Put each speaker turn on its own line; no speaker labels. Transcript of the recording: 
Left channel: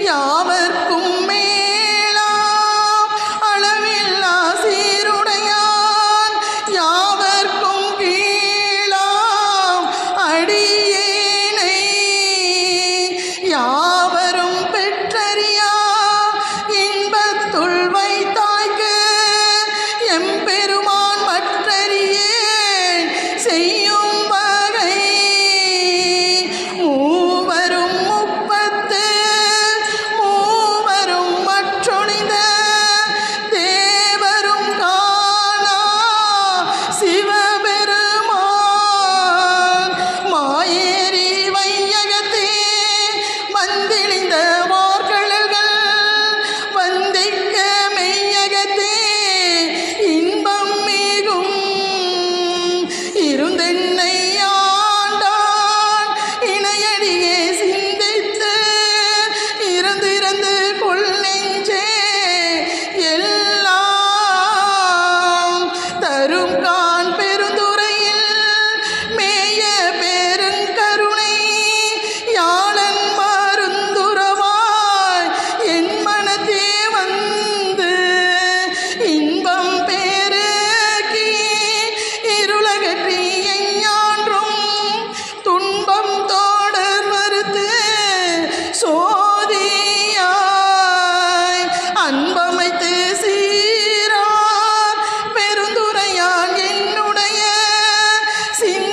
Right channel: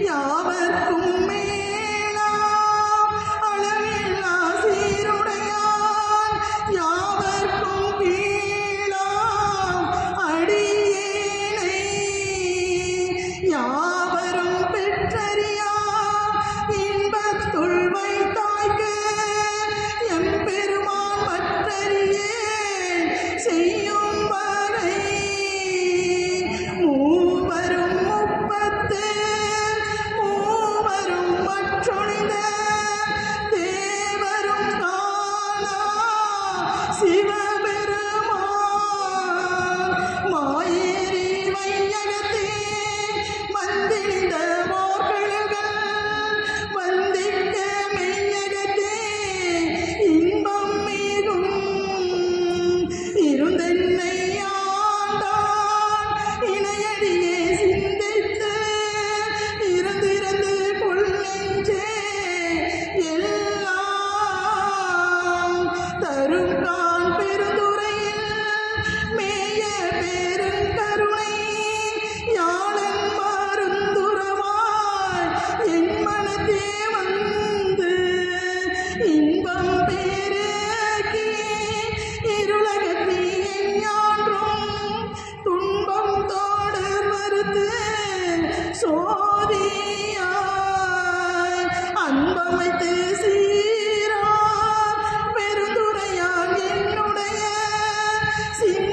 India sin